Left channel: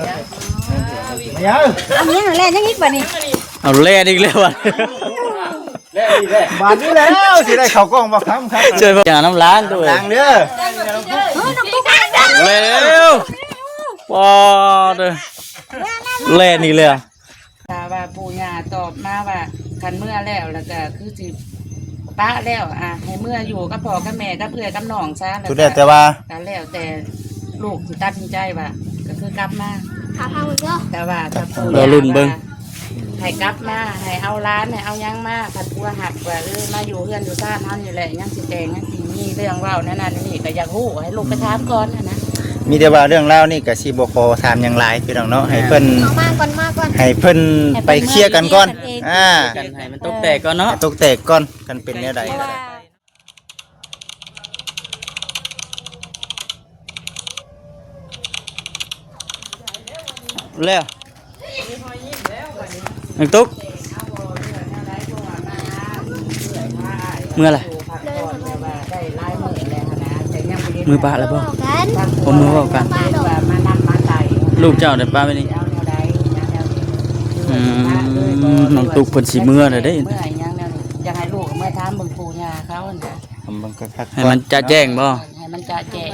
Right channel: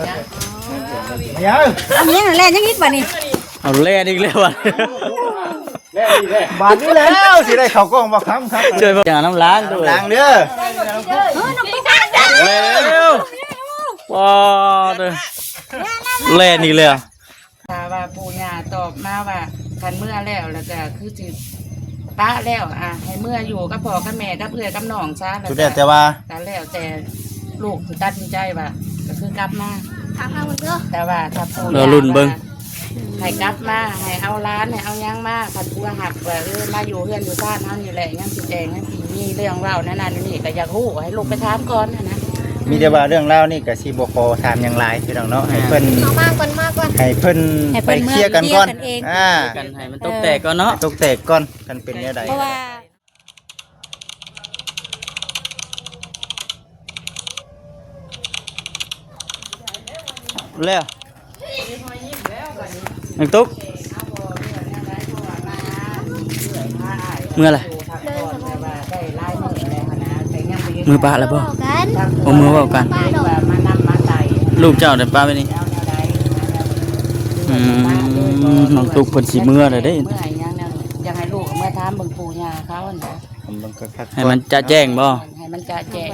มาเยอะอันนี้เล่นยังอีกบ่นี่เอาเล่นอีกแล้วว่ะบาทนี้แล้วสิได้เขากล้องบอกครับช่วยอย่าน้ำล้างด้วยล้างเด้อเร็วปอดเล่นอีกแล้วถ้าว่าปู่ย่าตอบมาว่าคันเมื่อแล้วก็คือสิป้าแล้วให้เมื่ออยู่กับพ่อกับแม่กับเพื่อนกับน้องซะสุดแต่ว่าแล้วแต่ลูกสิตัดสินใจว่าก็คือกลับมาถามทางมึงเด้อแต่ว่าถ้าปู่เราลุ่นเบิ่งให้กลับมาให้เอาร้านให้เอายังมาคันผัวหักว่ามาอยู่เพื่อนอยู่ซ่านเฮานี่แหละยังสิแจงยังสิมีเรื่องเว้านั่นนี่ก็อยากฮู้ให้ลูกไปถามก่อนนะมีแต่ว่าเรื่องเล่านี่ก็สิบ่ขอถามอย่างไรพี่น้องเนาะให้เพิ่นเอามาก่อนให้เพิ่นไปเคลียร์กันก่อนกันให้มันตกแตกก่อนเนาะตกแตกก่อนกันเป็นแนวใดแล้วนังตุ๊กเมื่อไรมือปลาแล้วบ่ผมมือว่ากันลูกเจ้าเดี๋ยวปลาไปนี่น้องตุ๊กเพิ่นสิเมื่อเลยได้เมื่อยังแนวอยากให้ลูกเมื่อถามเบิ่งปู่ย่าเขานะให้มันจะแจ้งบ่ให้มันจะแจ้ง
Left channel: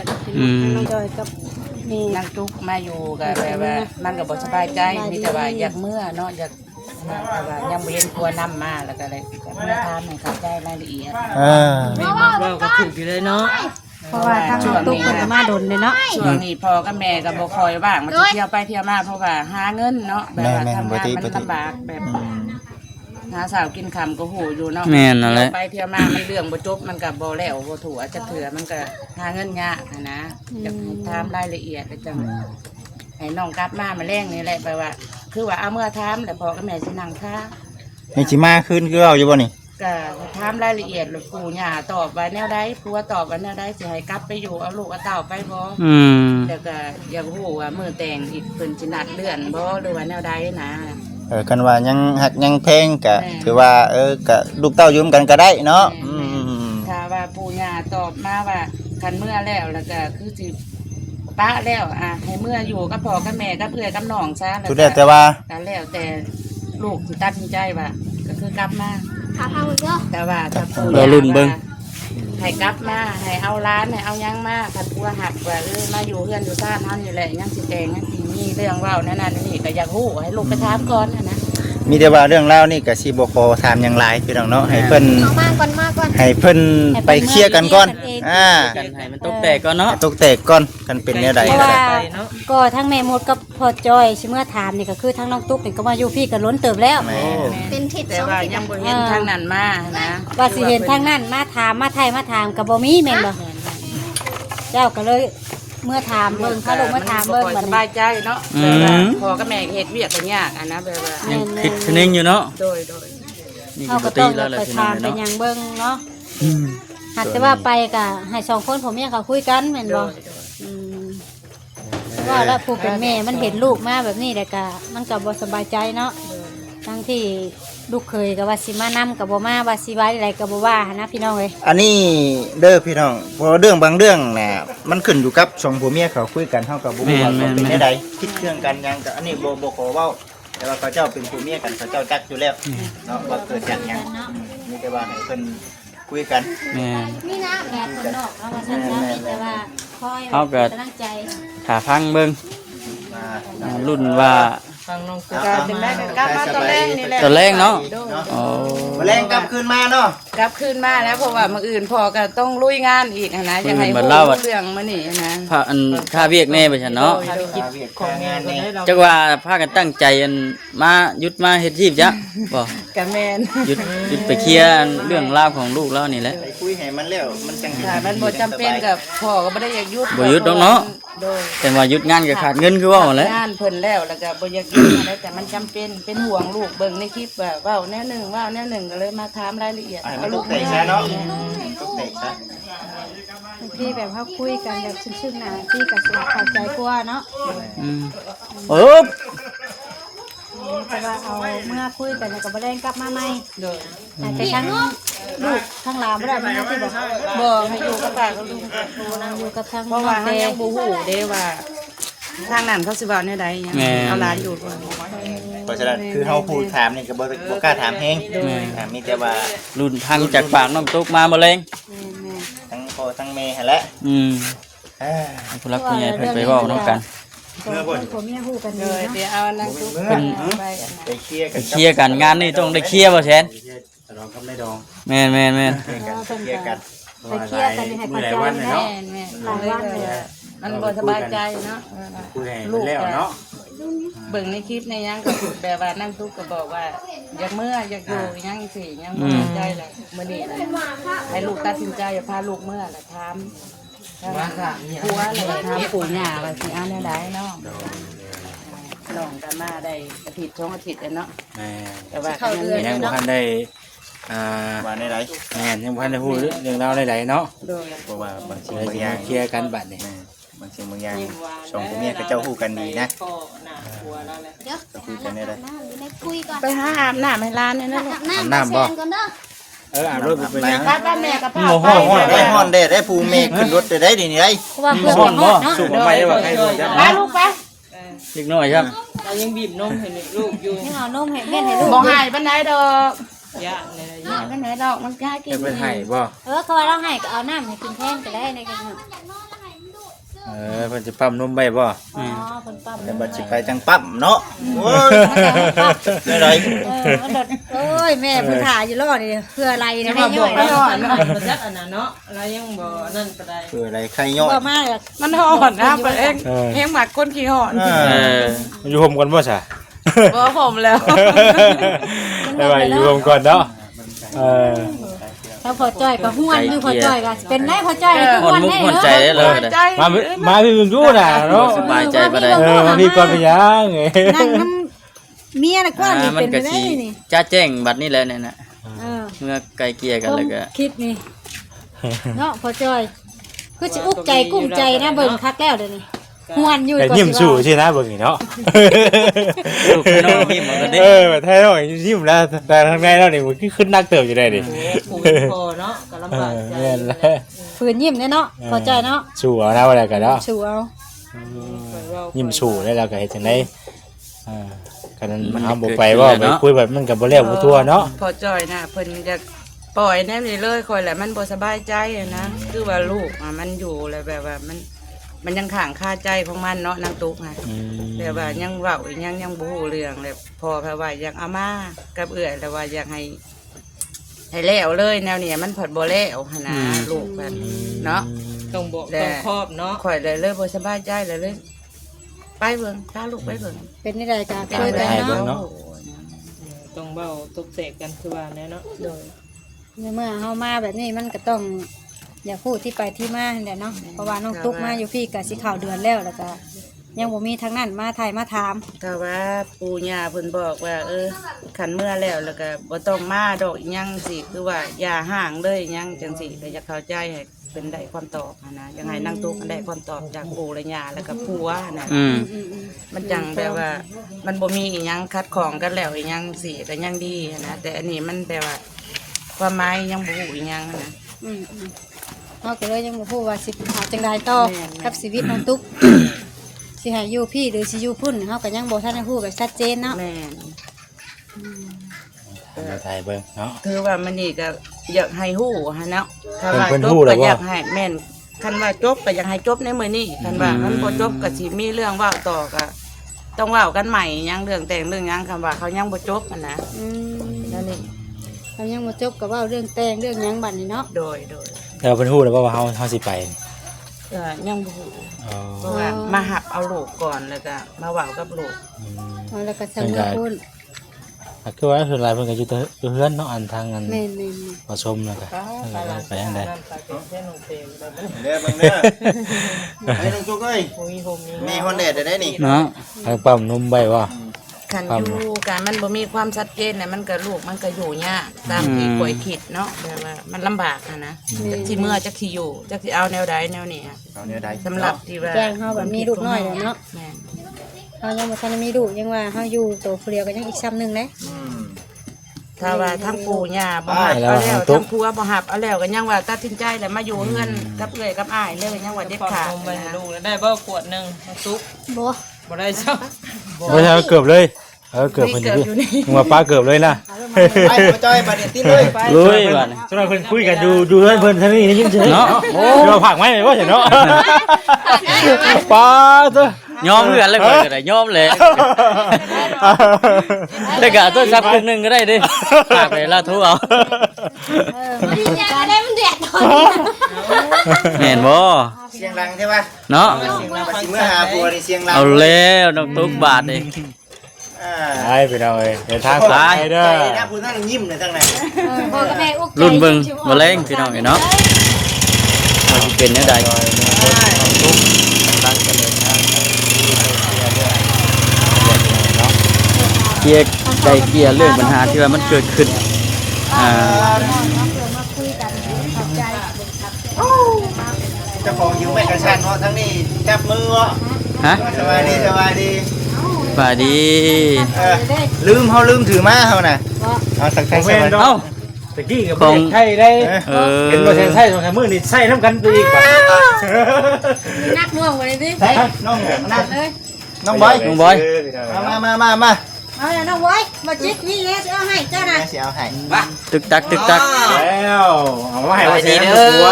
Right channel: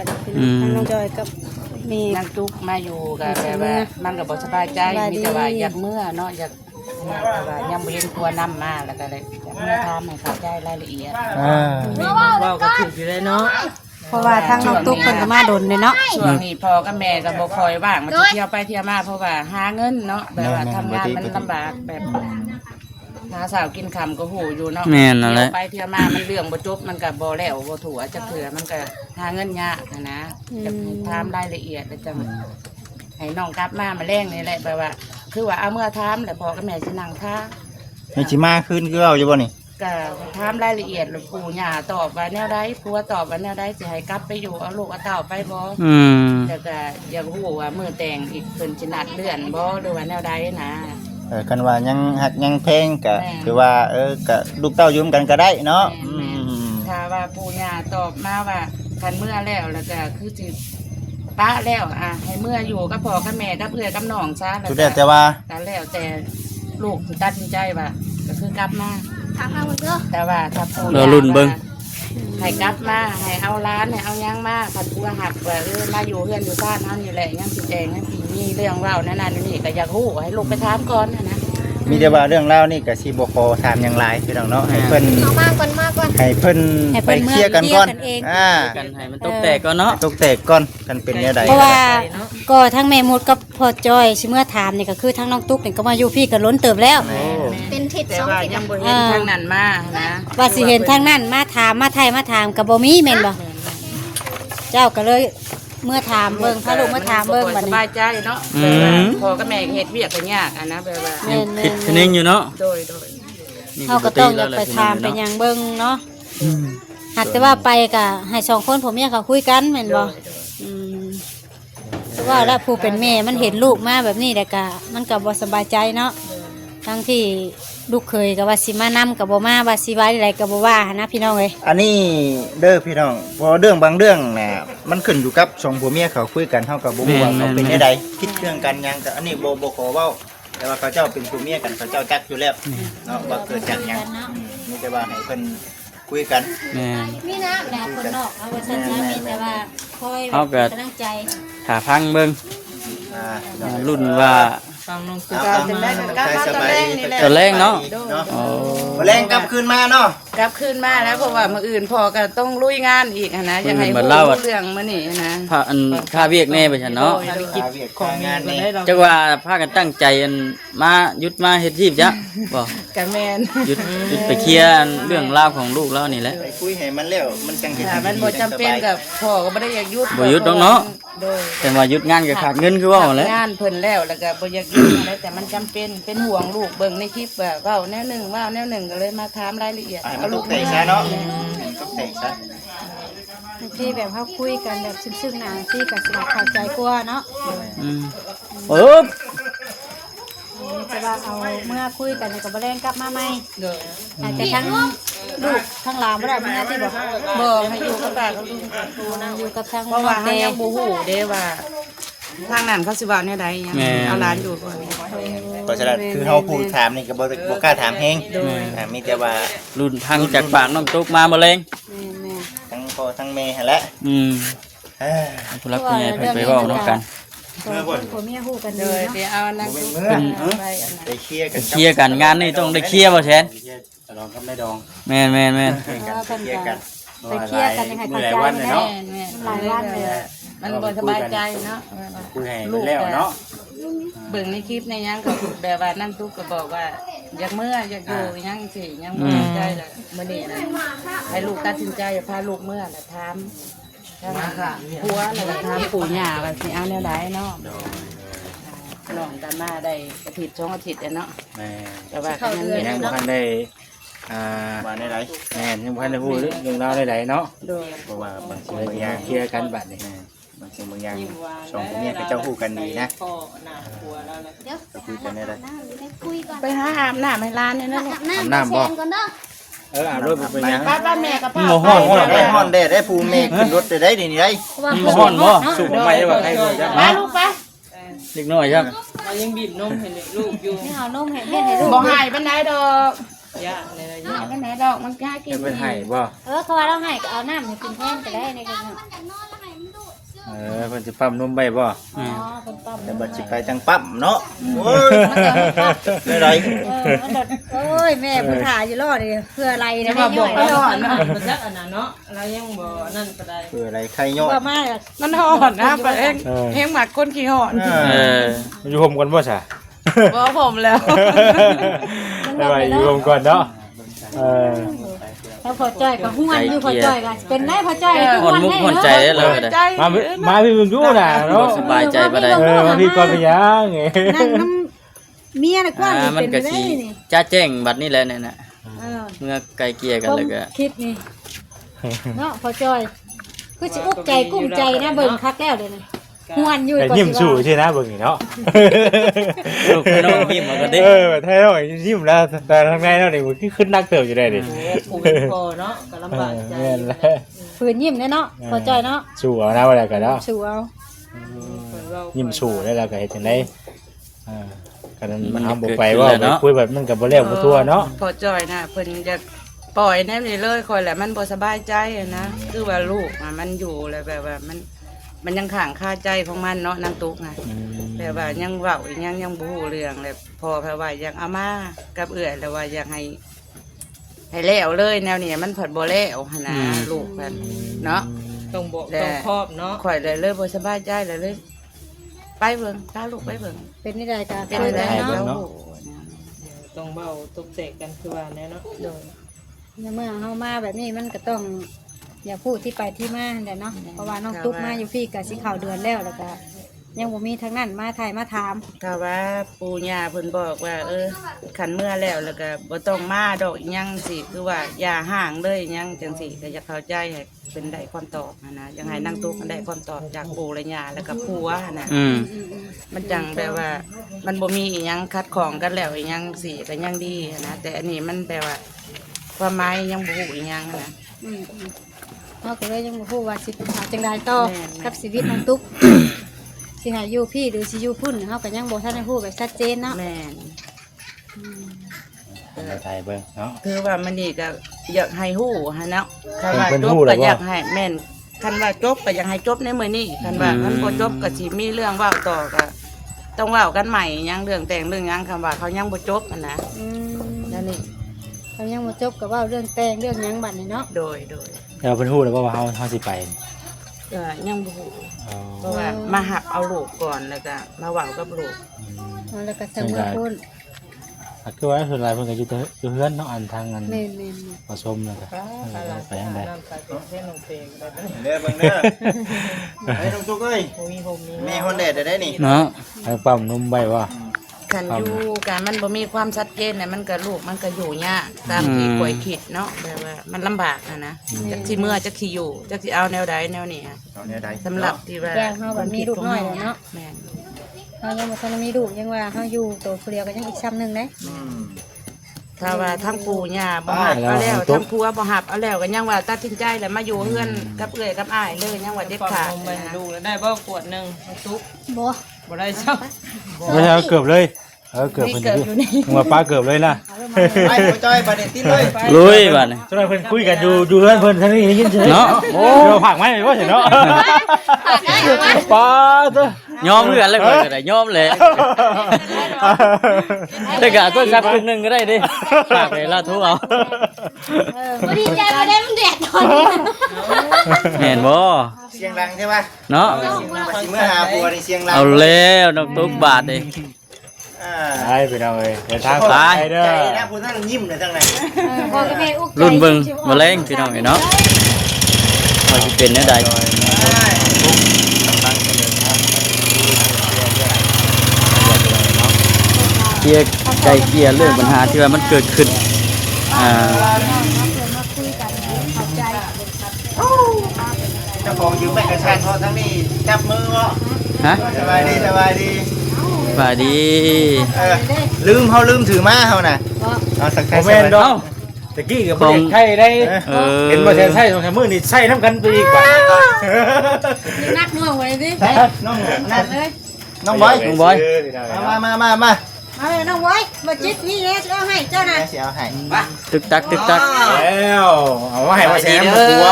นี่นางตุ๊กมาอยู่กับแบบว่ามันก็บ่สบายใจมีแต่ว่าอยากเมื่อเนาะอยากแต่ว่ายังบ่เห็นตัวนํมาแล้วก็เลยเมื่อถามให้เข้าใจรายละเอียดเราก็ถูกอยู่เลยเนาะเพราะว่าทางตุ๊กเพิ่นมาดนเลยเนาะช่วงนี้พ่อกับแม่ก็บ่ค่อยว่างมาเที่ยวไปเที่ยวมาเพราะว่าหาเงินเนาะแบบว่าทำงานมันลำบากแบบหาสาวกินคำก็หูอยู่เนาะแม่นั่นแหละไปเที่ยวมามันเรื่องบ่จบมันก็บ่แล้วบ่ถูกจักเถื่อมันก็หาเงินยากนะจะถามรายละเอียดแล้วจังให้น้องกลับมาแรงนี่แหละแปลว่าคือว่าเอาเมื่อถามแล้วพ่อกับแม่สินั่งท่านี่สิมาคืนคือเอาอยู่บ่นี่ก็ถามรายละเอียดหรือปู่ย่าตอบว่าแนวใดผัวตอบว่าแนวใดสิให้กลับไปอยู่เอาลูกเอาเต่าไปบ่แต่ก็อยากรู้ว่ามื้อแต่งอีกเพิ่นสินัดเลื่อนบ่หรือว่าแนวใดนะกันว่ายังหักยังแพงก็ถือว่าก็ลูกเต้ายืมกันก็ได้เนาะถ้าว่าปู่ย่าตอบมาว่าคันเมื่อแล้วก็คือสิป้าแล้วให้เมื่ออยู่กับพ่อกับแม่กับเพื่อนกับน้องซะสุดแต่ว่าแล้วแต่ลูกสิตัดสินใจว่าก็คือกลับมาถามทางมึงเด้อแต่ว่าถ้าปู่เราลุ่นเบิ่งให้กลับมาให้เอาร้านให้เอายังมาคันผัวหักว่ามาอยู่เพื่อนอยู่ซ่านเฮานี่แหละยังสิแจงยังสิมีเรื่องเว้านั่นนี่ก็อยากฮู้ให้ลูกไปถามก่อนนะมีแต่ว่าเรื่องเล่านี่ก็สิบ่ขอถามอย่างไรพี่น้องเนาะให้เพิ่นเอามาก่อนให้เพิ่นไปเคลียร์กันก่อนกันให้มันตกแตกก่อนเนาะตกแตกก่อนกันเป็นแนวใดเพราะว่าก็ทั้งแม่มุดกับพ่อจอยสิเมื่อถามนี่ก็คือทั้งน้องตุ๊กนี่ก็มาอยู่พี่ก็ล้นเติบแล้วเป็นทิศแต่ว่ายังบ่เห็นทางนั้นมานะว่าสิเห็นทางนั้นมาถามมาไทยมาถามก็บ่มีแม่นบ่เจ้าก็เลยเมื่อถามเบิ่งก็ลูกมาถามเบิ่งสบายใจเนาะพ่อกับแม่เฮ็ดเวียกกันยากนะแบบว่ายังคิดคะแนนอยู่เนาะโดยนี่ก็ต้องไปถามเป็นอย่างเบิ่งเนาะหากแต่ว่าไปก็ให้สองคนผมยังเขาคุยกันแม่นบ่ว่าแล้วผู้เป็นแม่มันเห็นลูกมาแบบนี้แต่ก็มันก็บ่สบายใจเนาะทั้งที่ลูกเคยกับว่าสิมานำกับบ่มาว่าสิไว้อะไรกับบ่ว่านะพี่น้องเอ้ยอันนี้เด้อพี่น้องพอเรื่องบางเรื่องน่ะมันขึ้นอยู่กับสองผัวเมียเขาคุยกันเฮากับบ่รู้ว่าเป็นจังได๋คิดเครื่องกันยังก็อันนี้บ่ขอเว้าแต่ว่าเขาเจ้าเป็นผัวเมียกันเขาเจ้าจักอยู่แล้วเนาะว่าเกิดจากหยังนี่แต่ว่าให้เพิ่นคุยกันแม่นี่นะแหละคนนอกเอาว่าซั่นแต่ว่าคอยกำลังใจถ้าฟังเบิ่งรุ่นว่าก็จะได้กลับมาตอนแรกนี่แหละตอนแรกเนาะแรงกลับคืนมาเนาะกลับคืนมาแล้วเพราะว่ามื้ออื่นพอก็ต้องลุยงานอีกนะยังให้รู้เรื่องมื้อนี้นะพาอันค่าเวียกแน่ไปซั่นเนาะของงานนี่จักว่าพากันตั้งใจอันมาหยุดมาเฮ็ดชีพจ้ะบ่ก็แม่นหยุดไปเคลียร์เรื่องราวของลูกแล้วนี่แหละคุยให้มันแล้วมันจังเฮ็ดมันบ่จำเป็นกับพ่อก็บ่ได้อยากหยุดบ่หยุดดอกเนาะแต่ว่าหยุดงานก็ขาดเงินคือว่าแหละงานเพิ่นแล้วก็บ่อยากหยุดอะไรแต่มันจำเป็นห่วงลูกเบิ่งในคลิปว่าเว้าแนวหนึ่งก็เลยมาถามรายละเอียดเอาลูกไปซะเนาะพี่แบบเขาคุยกันแบบซึ้งๆนะพี่ก็สิเข้าใจกว่าเนาะแต่ว่าเอาเมื่อคุยกันก็บ่ได้กลับมาใหม่แต่ทั้งลูกทั้งหลานบ่ได้มาที่บ่ให้อยู่กับป้ากับลุงอยู่กับทางเพราะว่าเฮายังบ่ฮู้เด้ว่า ทางนั้นเขาสิว่าแนวใดหยัง แม่ เอาหลานอยู่ก่อน เพราะฉะนั้นคือเฮาพูดถามนี่ก็บ่กล้าถามแฮงมีแต่ว่า รุ่นพังจากปากน้องตุ๊กมาบ่แรง ทั้งพ่อทั้งแม่หั่นแหละ เอ้อ ผู้รักผู้ใหญ่เพิ่นไปเว้านํกัน ผัวเมียฮู้กัน โด ดี ย เนาะ เดี๋ยวเอานางตุ๊ก เป็น ไปอันนั้น ไปเคลียร์กัน เคลียร์กันงานนี่ต้องได้เคลียร์บ่แซน ดองกับไม่ดอง แม่น เคลียร์กัน ไปเคลียร์กันให้เข้าใจ วัน นะ เนาะ แม่เลยว่ามันบ่สบายใจเนาะ คุยให้แล้วเนาะ เบิ่งในคลิปในหยังก็แบบว่านั่งตุ๊กก็บอกว่าอยากเมื่ออยากอยู่หยังสิยังบ่สนใจแหละมื้อนี้นะให้ลูกตัดสินใจอย่าพาลูกเมื่อน่ะถามถ้าผัวแล้วก็ถามปู่ย่าว่าสิเอาแนวใดเนาะน้องกันมาได้อาทิตย์2อาทิตย์แล้วเนาะ แม่ แต่ว่าก็ยังมี ยังบ่ทันได้อ่า มาได้ไร แม่ยังบ่ทันได้ฮู้เรื่องราวใดๆเนาะ โดย เพราะว่าบาง สิ สิ่ง ได้ บางอย่าง เคลียร์กันบัดนี้ บางสิ่งบางอย่างสองคนนี้ก็เจ้าฮู้กันดีนะ พ่อหน้าผัวแล้วแหละ ก็คุยกันได้เลย ไปหาอาบน้ำให้หลานนี่นะลูก อาบน้ำบ่อาบรถบ่เป็นหยัง บ้านแม่ก็พา บ่ฮ้อน ฮ้อนไปฮ้อนได้ได้ผู้เมฆขึ้นรถได้ได้นี่ได้ เพราะว่า บ่ฮ้อนบ่ สูบไปว่าใครบ่จัก มาลูกไป เล็กน้อยครับ ยังบีบนมให้ลูกอยู่ ให้เอานมให้เล่นให้ลูก บ่หายปานใดดอกหายปานใดดอกมันกล้ากิน เพิ่นให้บ่ เขาว่าเราให้ก็เอาน้ำให้กินแทนก็ได้ในกัน เพิ่นสิปั๊มนมไว้บ่ คนปั๊ม แต่บัดสิไปจังปั๊มเนาะโอ้ยได้ไร โอ้ยแม่ผู้ถ่ายอยู่รอดเลยเพื่ออะไรนะเนี่ย มันหอนเนาะ คืออะไรใครย่อย ว่ามา มันหอนนะเปิดเองเฮงหมักก้นขี้หอน เออ อยู่ห่มกันบ่ซะ บ่ผมแล้ว ได้ว่าอยู่ห่มก่อนเนาะเออ เขาพอจ้อยก็ห้วนอยู่พอจ้อยก็เป็นได้พอจ้อย ฮ้อนมุกฮ้อนใจได้เลยก็ได้ ใจ มาพี่มึงดูน่ะ บ่ เนาะ สบายใจบ่ได้ มาพี่ก่อนเป็นหยัง นั่นมันเมียน่ะกว้าง มันก็สิจ้าแจ้งบัดนี้แหละเนี่ยน่ะ เออ เมื่อไกลเกลี่ยกันแล้วก็ คิดนี่เนาะพอจ้อยคือสิอุกใจกุ้มใจนะเบิ่งคักแล้วเดี๋ยวนี้ห้วนอยู่ แต่ยิ้มสู้ใช่นะเบิ่งนี่เนาะ ลูกให้น้องยิ้มเอาก็ได้ แบบไทยเรายิ้มแล้วแต่ทางไงเราเนี่ยมันขึ้นนักเติบอยู่ได้ดิ เนาะก็ลำบากใจ แม่นแล้ว ฝืนยิ้มแน่เนาะพอจ้อยเนาะ สู้เอานะอะไรกันเนาะ สู้เอา ยิ้มสู้แล้วเราก็เฮ็ดจังได๋กันมันทำบ่ไปว่าคุยแบบมันก็บ่แล้วบ่ทั่วเนาะ พอจอยนะเพิ่นจะปล่อยแน่นี่เลยคอยแหละมันบ่สบายใจนะคือว่าลูกมันอยู่แล้วแบบว่ามันยังข้างคาใจของมันเนาะนางตุ๊กนะแบบว่ายังเว้าอีกยังบ่ฮู้เรื่องเลยพอแปลว่าอยากเอามากับเอื้อยแล้วว่าอยากให้แล้วเลยแนวนี้มันผัดบ่แล้วหั่นนะลูกเพิ่นเนาะ ต้องบอกต้องครอบเนาะ ข่อยเลยบ่สบายใจเลยไปเบิ่งพาลูกไปเบิ่ง เป็นในรายการ เป็นอะไร เนาะ เนาะ ต้องเบาตกเตะกันคือว่าแน่เนาะ โดย เมื่อเฮามาแบบนี้มันก็ต้องอย่าพูดที่ไปที่มาแหละเนาะเพราะว่าน้องตุ๊กมาอยู่พี่ก็สิข่าวเดือนแล้วแล้วก็ยังบ่มีทั้งนั้นมาไทยมาถาม ถ้าว่าปู่ย่าเพิ่นบอกว่า ขันเมื่อแล้วแล้วก็บ่ต้องมาดอกอิหยังสิคือว่าอย่าห่างเลยอิหยังจังสิก็อยากเข้าใจให้เป็นได้ความตอบนะอยากให้นางตุ๊กได้ความตอบจากปู่และย่าแล้วก็ผัวนะ อืม มันจังแบบว่า มันบ่มีอิหยังคัดของกันแล้วอิหยังสิก็ยังดีนะแต่อันนี้มันแปลว่า ความหมายยังบ่ฮู้อิหยังนะ เฮาก็เลยยังบ่ฮู้ว่าสิหาจังไดต่อ แม่น กับชีวิตน้องตุ๊กสิให้อยู่พี่หรือสิอยู่พุ่นเฮาก็ยังบ่ทันได้ฮู้แบบชัดเจนเนาะ แม่น ไทยเบิ่งเนาะ คือว่ามันนี่ก็อยากให้ฮู้ฮะเนาะคันว่า เพิ่น จบ ฮู้แล้ ก็ วบ่ อยากให้แม่นคันว่าจบก็อยากให้จบในมื้อนี้คันว่ามันบ่จบก็สิมีเรื่องเว้าต่อก็ต้องเว้ากันใหม่หยังเรื่องแต่งเรื่องหยังคำว่าเขายังบ่จบอะนะ อืม นั่นนี่ เขายังบ่จบก็เว้าเรื่องแต่งเรื่องหยังบัดนี้เนาะ โดย แต่เพิ่นฮู้แล้วว่าเฮาสิไป ยังบ่ฮู้ อ๋อ เพราะว่ามาหับเอาลูกก่อนแล้วก็มาเว้ากับลูก เอาแล้วก็ทำเมื่อพุ่น คือว่าคือหลายเพิ่นก็อยู่เฮือนเนาะอันทางอัน แม่น ผสมแล้วก็ไปทางใด น้ำใส่เป็นแค่นมเตะได้ไหม เด้อเบิ่งเด้อไอ้น้องตุ๊กเอ้ย มีโฮมมี แม่ฮอนแดดได้นี่ เนาะ ให้ปั๊มนมไว้บ่ คันอยู่การมันบ่มีความชัดเจนน่ะมันก็ลูกมันก็อยู่ยากตามที่ข่อยคิดเนาะแบบว่ามันลำบากอะนะจักสิเมื่อจักสิอยู่จักสิเอาแนวใดแนวนี้อะ เอาเนี่ยได้ สำหรับที่ว่า แจ้งเฮาแบบมีลูกน้อยแล้วเนาะ แม่น เฮายังบ่ทันได้มีลูกยังว่าเฮาอยู่โตวผู้เดียวก็ยังอีกซ้ำหนึงเด้ อืม ถ้าว่าทั้งปู่ย่าบ่หับเอาแล้วทั้งผัวบ่หับเอาแล้วก็ยังว่าตัดสินใจแล้วมาอยู่เฮือนกับเอื้อยกับอ้ายเลยยังว่าเด็ดขาด ลงไป นะ ให้ลูกแล้วได้บ่ขวดหนึงเอาซุป บ่ บ่ได้ซัก บ่ใช่เกือบเลยเกือบเป็นนี่หัวปลาเกือบเลยนะ ไปบ่จ้อยบ่ได้ติดเลยไป ลุยบัดนี้ สมัยเพิ่นคุยกันดูเพื่อนเพิ่นทั้งนี้ได้ยินใช่ เนาะโอ้ เดี๋ยวผักไหมว่าเห็นเนาะปลาเด้อย อมเพื่อนเลยข่อยก็ได้ยอมเลยแต่ก็ตัวซักครึ่งหนึงก็ได้ดิฝากไปลาทุเอา บ่ดีใจบ่ได้มันแดดตอนนี้ แม่นบ่ เสียงดังใช่ป่ะ เนาะ สิมาหาบัวนี่เสียงดัง เอาแล้วน้องตุ๊กบาทนี่ ไปเอาเอ้ยเดินทาง ไป ใจนะพูดต้องยิ้มเลยจังไหน รุ่นเบิ่งแมลงพี่น้องเนาะว่าสิเป็นแนวใดเกลียร์ไก่เกลียร์เรื่องปัญหาที่ว่ามันเกิดขึ้นอ่า เจ้าของยืมไปกระชากเพราะทั้งนี้จับมือวะ ฮะ สบายดีสบายดี บายดี ลืมเขาลืมถือมาเขาน่ะเอาสัก แม่น เอ้า ตะกี้กับเด็กไทยได้ เออ เห็นบ่เซนไทย2 3มื้อนี่ใช้น้ำกันไปอีกว่ะ นักน่วงไว้ดิ น้อง นักเลย น้องบอย น้องบอย มา มาเลยน้องไว้มาจิตนี่เลยเอาให้เจ้านะ เสียเอาให้ ตึกตักตึกตัก แล้วเอามาให้ว่าแซมหัว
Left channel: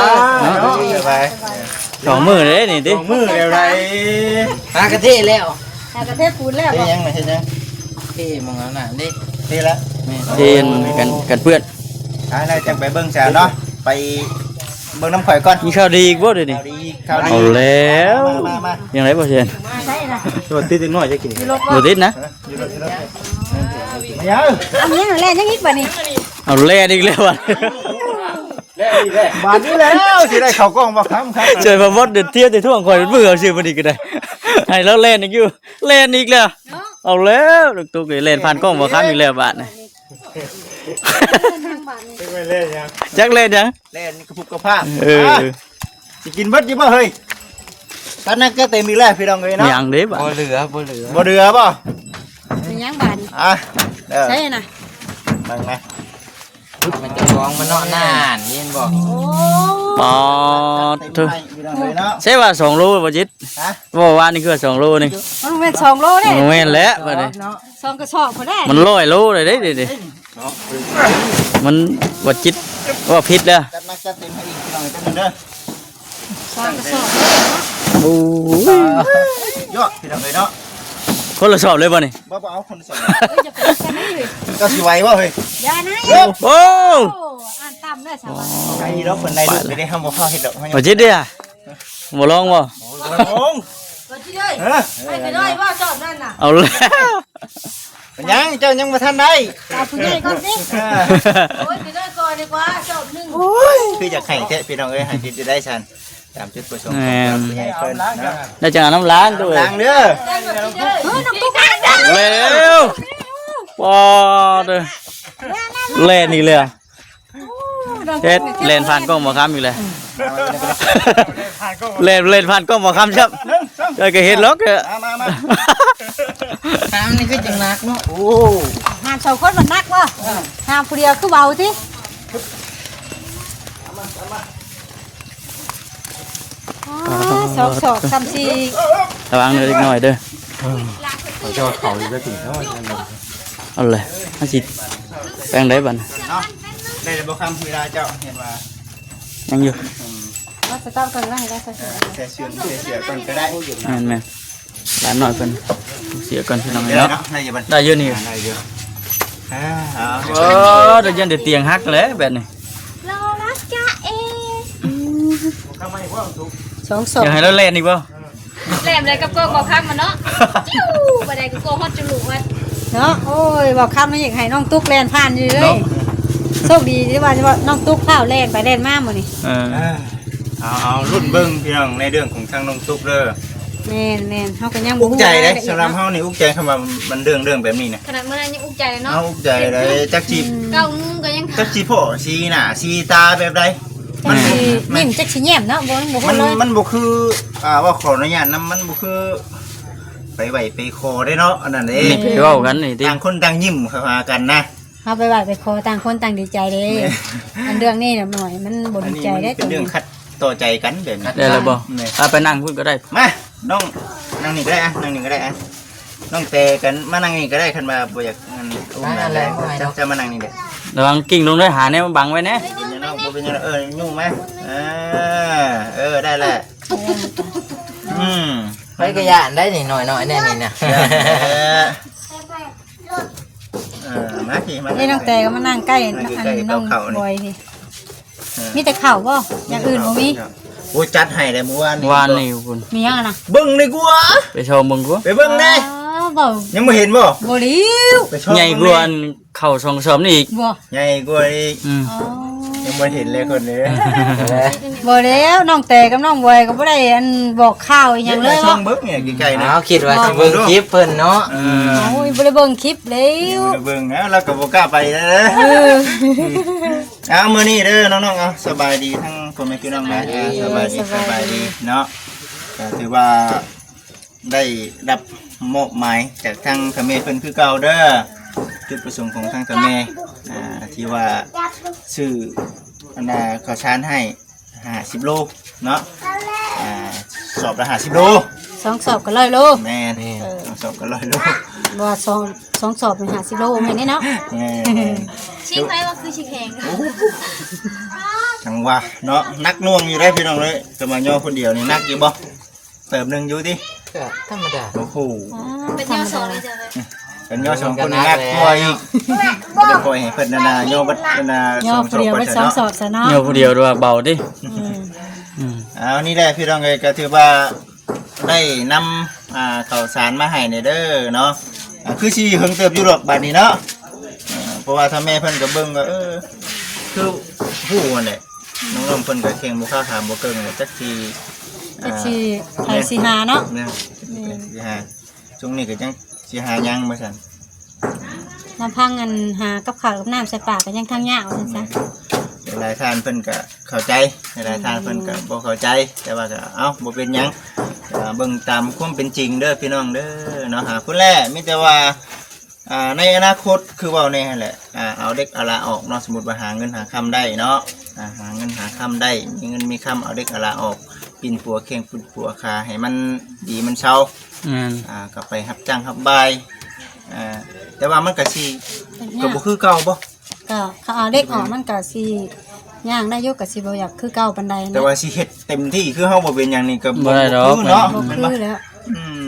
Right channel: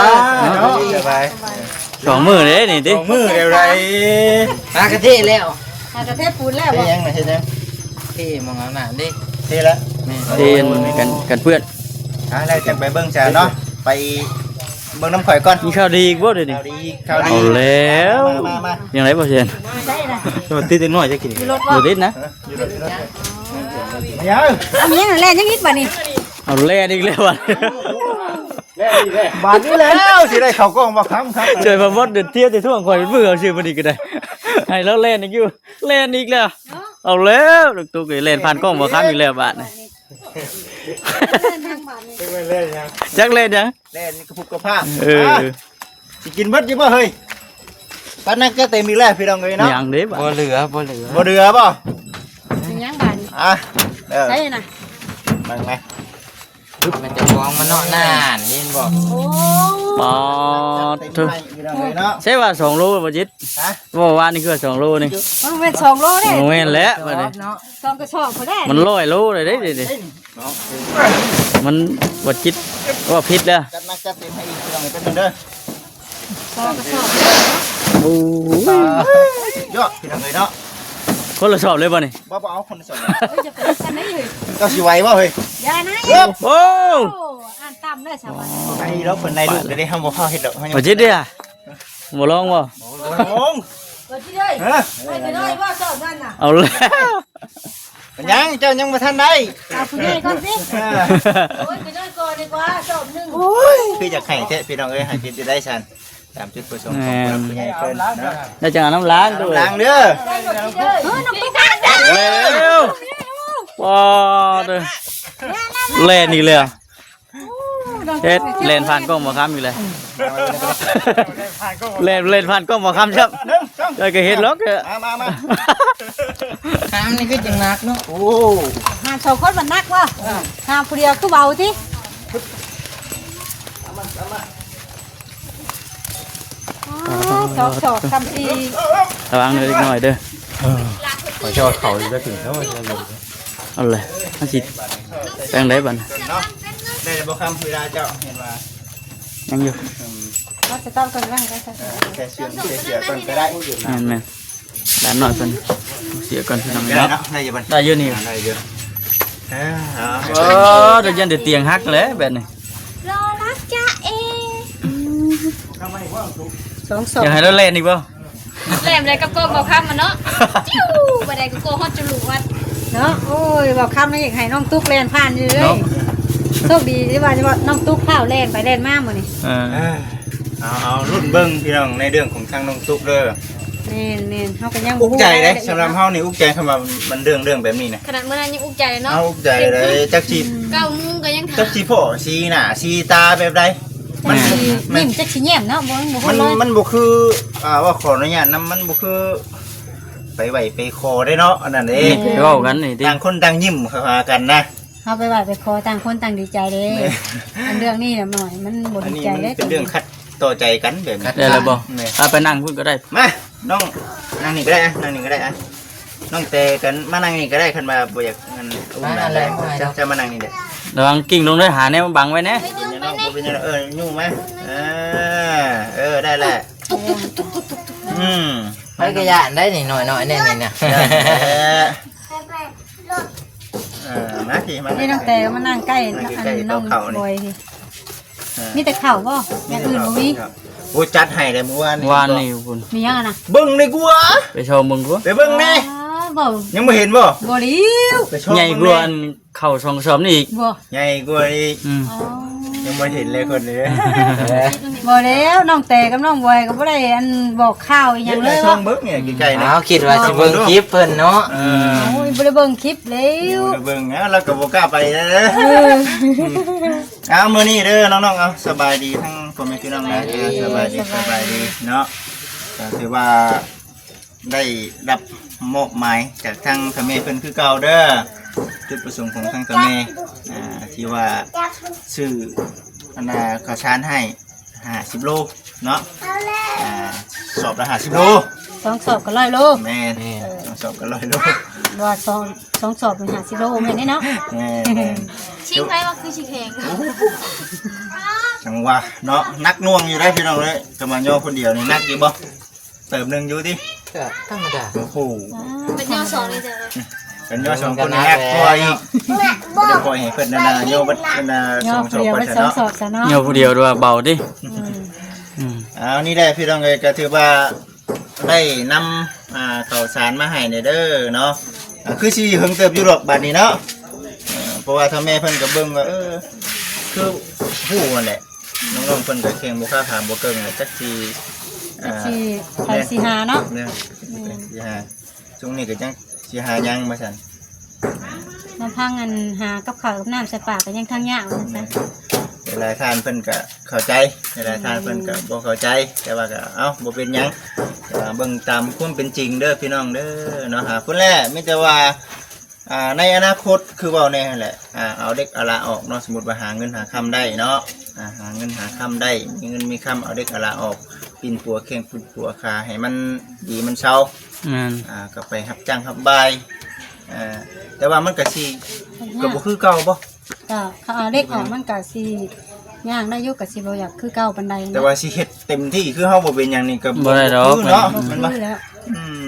สบาย สองมือเลยนี่ดิ มือเดียวไร ปากระเทศแล้ว หากระเทศปูนแล้ว เฮ็ดยังไงเฮ็ดยัง ที่มึงเอาหน่ะดิ เฮ็ดแล้ว เรียนกันเพื่อน แล้วจังไปเบิ่งจ้าเนาะไปเบิ่งน้ำข่อยก่อน มีข้าวดีอีกบ่เดี๋ยวนี้ ข่าวดี เอาแล้ว มา ยังไงบ่เชียน ได้ละ มันติดน้อยจะกิน บ่ติดนะ อยู่รถมายัง อันนี้เล่นยังนิดบ่นี่ เอาแล่อีกแล้วว่ะ บาทนี้แล้วสิได้เข้ากล้องบ่ครับ เจอพมดเดือดเทียบจะท่วงคอยมือเอาชื่อบ่ดีก็ได้ให้แล้วเล่นอีกอยู่เล่นอีกแล้วเอาแล้วลูกตุ๊กเล่นผ่านกล้องบ่ค้ำอีกแล้วบาดนี่ ทางบ้านนี่ ไม่เล่นยัง จักเล่นยัง เล่นกระพุกกระพา เออ สิกินเบิดอยู่บ่เฮ้ยตอนนั้นก็เต็มอีกแล้วพี่น้องเอ้ยเนาะ ยังเด้บาด บ่เดือบ่ เป็นยังบ้านนี่ อ่ะเด้อ ใช่น่ะ บังนะ มันจะฟ้องมันเนาะนานยินบอก โอ้ ปอด เต็ม เถอะ ไปพี่น้องเอ้ยเนาะ ใช่ว่า2โลบ่จิต ฮะ บ่ว่านี่คือ2โลนี่ มันเป็น2โลเด้ แม่นแล้วบัดนี้ เนาะ 2กระสอบพอได้ มัน100โลเลยเด้ดิมันบ่จิตว่าผิดแล้ว จัดหนักจัดเต็มให้อีกพี่น้องเอ้ยเป็นงเด้อ โอ้ ยอดพี่น้องเอ้ยเนาะ คนละสอบเลยบ่นี่ บ่เอาคนสอง จะเป็นกันได้เลย ก็สิไหวบ่เฮ้ย ยายนะ โอ้ โอ้อ่านตามเลยสาว ไอ้เราคนในลูกจะได้ทำบ่พอเฮ็ดดอกให้ บ่จิตเด้อบ่ลองบ่ โอ้ง ตัวที่เลย เออ ไปเลยว่าจอดนั่นน่ะ เอาแล้ว เป็นยังเจ้ายังบ่ทันได้ เอาผู้ใหญ่ก่อนสิ อ่า โอ้ยไปเลยก่อนดีกว่าจบหนึ่ง โอ้ยคืออยากให้แท้พี่น้องเอ้ยให้ผิดจะได้ชันตามจุดประสงค์ของเราผู้ใหญ่เพิ่นเนาะ ได้จังน้ำล้างตัว ล้างเด้อ เฮ้ยน้องตุ๊กตาดัง เร็วปอดเล่นอีกเลยเฮ็ดเล่นผ่านกล้องบ่ค้ำอีกเลยเล่นผ่านกล้องบ่ค้ำครับได้ก็เฮ็ดล็อกเด้อ มา น้ำนี่คือจังนักเนาะ โอ้ งานเสาคนมันนักว่ะงานผู้เดียวคือเบาที่สอบคำชี ระวังเลยหน่อยเด้อ เจ้าเขาจะกินเท่าไหร่ เอาเลยอันสิแป้งได้บ่น่ะ ได้บ่คำเวลาเจ้าเห็นว่า ยังอยู่ ว่าจะต้องคนละให้ได้ค่ะ แค่เชื่อเสียก่อนก็ได้ แม่นๆด้านหน่อยเพิ่นเสียก่อนพี่น้อง ได้ เนาะ เนาะได้อยู่บัด ได้เยอะนี่ ได้เยอะอ่า โอ้เดี๋ยวยันเดี๋ยวเตียงหักแล้วแบบนี้ รอรักจ้าเอสองสอง อยากให้เราเล่นอีกบ่ แหลมอะไรกับโกงบอกข้ามมันเนาะจิ้วบันไดกับโกงฮอดจมูกวัด เนาะโอ้ยบอกคำมาอย่างให้น้องตุ๊กแลนผ่านอยู่เลย เนาะ โชคดีที่ว่าน้องตุ๊กข้าวแลนไปแลนมาหมดนี่ เออ เอารุ่นเบิ่งพี่น้องในเรื่องของทางน้องตุ๊กเด้อ แม่นเขาก็ยัง อุกใจเด้สำหรับเฮานี่อุกใจคำว่ามันเรื่องแบบนี้นะ ขนาดเมื่อนั้นยังอุกใจเลยเนาะ เอาอุกใจเลยจักจี เก้านุ่งก็ยัง จักจีพ่อสีหน้าสีตาแบบใดมัน นิ่มจักสิแย้มเนาะบ่บ่ มันบ่คือว่าขออนุญาตนำมันบ่คือไปไหวไปคอได้เนาะอันนั้นเด้ ไปเว้ากันนี่ติ ต่างคนต่างยิ้มเข้าหากันนะ เฮาไปไหว้ไปขอต่างคนต่างดีใจเด้อันเรื่องนี้น่ะหน่อยมันบ่ อัน ดี นี้ ใจ มัน เด้ เป็นเรื่องคัดต่อใจกันแบบนี้ ได้แล้วบ่ แม่ เอาไปนั่งพูดก็ได้ มาน้องนั่งนี่ก็ได้อะนั่งนี่ก็ได้อะน้องแต่กันมานั่งนี่ก็ได้คันมาบ่อยากงั้นอุ้มนั่นเลยจะมานั่งนี่เด้อ ระวังกิ่งลงด้วยหาแนวบังไว้นะ เป็นยังน้องบ่เป็นยังยุ่งไหมได้แหละไปกระยานได้นี่หน่อยๆเนี่ยนี่ มาสิมา นี่น้องแต่ก็มานั่งใกล้ นั่งใกล้ๆ น้อง เขานี่ บอยนี่มีแต่ข้าวบ่อย่างอื่นบ่มี โอ้จัดให้เลยมื้อวาน วานนี่คุณ มีหยังอะนะ เบิ่งเลยกูวะ ไปชมมึงกู ไปเบิ่งแน่ บ่ ยังบ่เห็นบ่ บ่ริว ไปชอบ ใหญ่กว่าอันเข้าช่องซ้อมนี่อีก บ่ ใหญ่กว่าอีก อืม ยังบ่เห็นเลยคนนี้ บ่แล้วน้องแต่กับน้องบอยก็บ่ได้อันบอกข่าวอีหยังเลย ช่อ ว่าง เบิ่งเนี่ยใกล้ๆนะ เอาคิดว่าสิเบิ่งคลิปเพิ่นเนาะ โอ้ยบ่ได้เบิ่งคลิปแล้ว เบิ่งแล้วก็บ่กล้าไปนะเอามื้อนี้เด้อน้องๆเอาสบายดีทั้งพ่อแม่พี่น้องนะสบายดีเนาะก็ถือว่าได้รับมอบหมายจากทางทางแม่เพิ่นคือเก่าเด้อจุดประสงค์ของทางทางแม่ที่ว่าซื้ออันน่ะข้าวสารให้50โลเนาะสอบละ50โล สองสอบก็100โล แม่นสอบก็100โล บ่ว่าสองสอบเป็น50โลแม่นนี่เนาะ แม่น ชิงไปว่าคือชิงแข่ง จังว่าเนาะนักน่วงอยู่ได้พี่น้องเลยก็มาย่อคนเดียวนี่นักอยู่บ่เติมหนึงอยู่ดิ ก็ธรรมดา โอ้โห เป็นยอดสองเลยจ้ะ เป็นย่อสองคนนี่นักตัวอีกบ่ได้ปล่อยให้เพิ่นนาย่อบัดนา ย่ ส อ อง ผู้เดียว ไป ไป ซะ สอง เนาะ สอบซะเนาะ เหี่ยวผู้เดียวด้วยเบาดิอืม เอานี่แหละพี่น้องเอ้ยก็ถือว่าได้นำข้าวสารมาให้ในเด้อเนาะคือสิเฮิงเติบอยู่ดอกบัดนี้เนาะเพราะว่าถ้าแม่เพิ่นก็เบิ่งว่าคือฮู้นั่นแหละน้องๆเพิ่นก็เก่งบ่ค้าถามบ่เก่งจักสิ สิไปสิหาเนาะ เนี่ยสิหาช่วงนี้ก็จังสิหายังมาสั่น น้ำพังอันหากับข้าวกับน้ำใส่ปากก็ยังทั้งยากว่าซั่นซะ หลายท่านเพิ่นก็เข้าใจหลายท่านเพิ่นก็บ่เข้าใจแต่ว่าก็เอ้าบ่เป็นหยังเบิ่งตามความเป็นจริงเด้อพี่น้องเด้อเนาะคนแรกมีแต่ว่าในอนาคตคือเว้าแน่แหละเอาเด็กเอาละออกเนาะสมมุติว่าหาเงินหาคำได้เนาะหาเงินหาคำได้มีเงินมีคำเอาเด็กเอาละออกปิ่นปัวเข่งปิ่นปัวคาให้มันดีมันเซา อืม ก็ไปรับจ้างรับบายแต่ว่ามันก็สิก็บ่คือเก่าบ่ ก็เขาเอาเด็กออกมันก็สิย่างได้อยู่ก็สิบ่อยากคือเก่าปานใดนะ แต่ว่าสิเฮ็ดเต็มที่คือเฮาบ่เป็นหยังนี่ก็ บ่ได้ดอก คือเนาะ บ่ แม่นบ่ คือแล้ว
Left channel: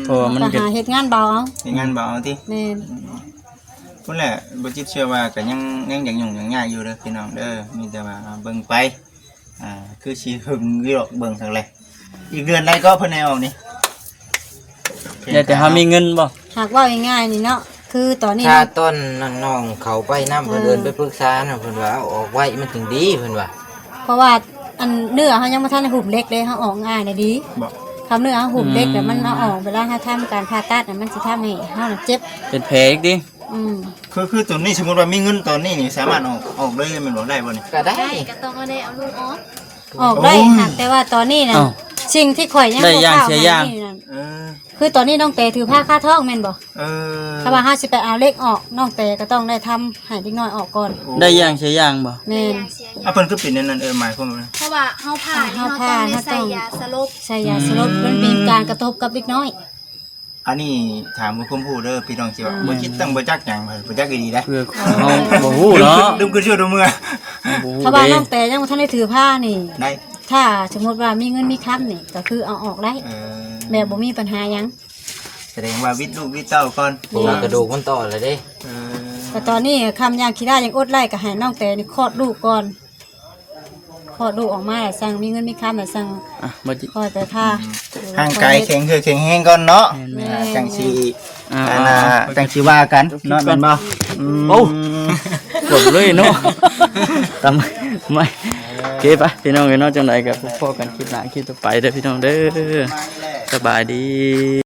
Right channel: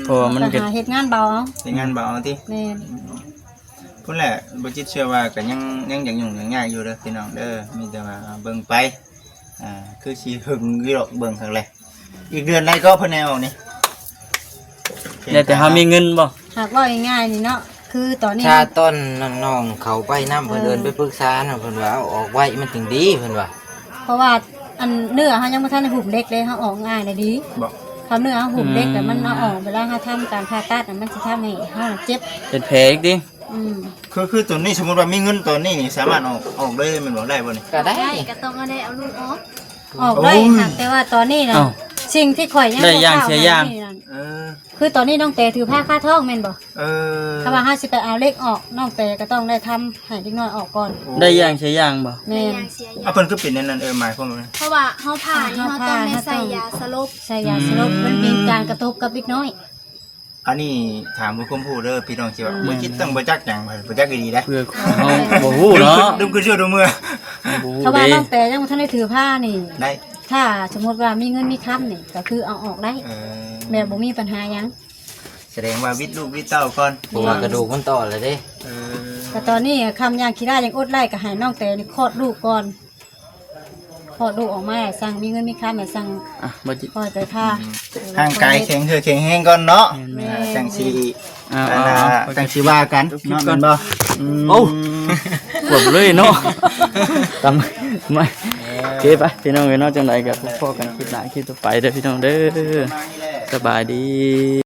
เพราะว่ามัน ก็ ก็ หาเฮ็ดงานเบาเอา เป็นงานเบาเอาติ แม่น พุ่นแหละบ่จิตเชื่อว่าก็ยังอย่างยุ่งอย่างยากอยู่เด้อพี่น้องเด้อมีแต่ว่าเบิ่งไปคือสิหึงอยู่ดอกเบิ่งทางแลอีกเดือนใดก็เพิ่นแนวนี่ อยากแต่เฮามีเงินบ่ หากว่าง่ายๆนี่เนาะคือตอนนี้ ถ้าต้นน้องๆเขาไปนํเพิ่นเดินไปปรึกษาน่ะเพิ่นว่าเอาออกไว้มันถึงดีเพิ่นว่า เพราะว่าอันเนื้อเฮายังบ่ทันได้หุบเล็กเลยเฮาออกง่ายเลยดี บอก คำเนื้อเฮาหุบเล็กแต่มันเอาออกเวลาเฮาทำการผ่าตัดน่ะมันสิทำให้เฮาน่ะเจ็บ เป็นแผลอีกดิ คือตัวนี้สมมุติว่ามีเงินตอนนี้นี่สามารถออกเลยแมันบ่ได้บ่นี่ ก็ได้ ได้ก็ต้องเอาได้เอาลูกออก ออกได้ โอ้ย ค่ะแต่ว่าตอนนี้น่ะ อ้าว สิ่งที่ข่อยยัง ได้ย่าง บ่กล้ เสียย่าง นี่น่ะ เออ คือตอนนี้น้องเตถือผ้าคาท้องแม่นบ่ เออ ถ้าว่าเฮาสิไปเอาเล็กออกน้องเตก็ต้องได้ทำให้เด็กน้อยออกก่อน ได้ย่างใช้ย่างบ่ แม่น อย่างเสียอย่าง เพิ่นคือเป็นนั่นหมายความว่า เพราะว่าเฮาผ่านี่เฮาต้องได้ใส่ยาสลบ ใช่ยาสลบมันมีการกระทบกับเด็กน้อย อันนี้ถามผู้คมผู้เด้อพี่น้องสิว่าบ่คิดตั้งบ่จักหยังบ่จักดีๆนะ เพื่อเฮาบ่ฮู้เนาะ ดื่มคือเชื่อดูมือ บ่ฮู้ ถ้าว่า เด้ น้องเตยังบ่ทันได้ถือผ้านี่ ได้ ถ้าสมมติว่ามีเงินมีคำนี่ก็คือเอาออกได้ เออ แม่บ่มีปัญหาหยัง แสดงว่าวิทย์ลูกวิทย์เต้าก่อน เพราะว่ากระดูกมันต่อเลยเด้ เออ แต่ตอนนี้คำยางขี้ได้ยังอดไล่ก็ให้น้องแต่นี่คลอดลูกก่อนคลอดลูกออกมาแล้วสั่งมีเงินมีคำแล้วสั่ง อ่ะบ่จิ คอยไปผ้า ร่างกายแข็งคือแข็งแรงก่อนเนาะจังสิ จังสิว่ากันเนาะแม่นบ่ โอ้ปวดเลยเนาะตำไม่โอเคปะพี่น้องเนาะจังได๋ก็พบกันคลิปหน้าคลิปต่อไปเด้อพี่น้องเด้อสบายดี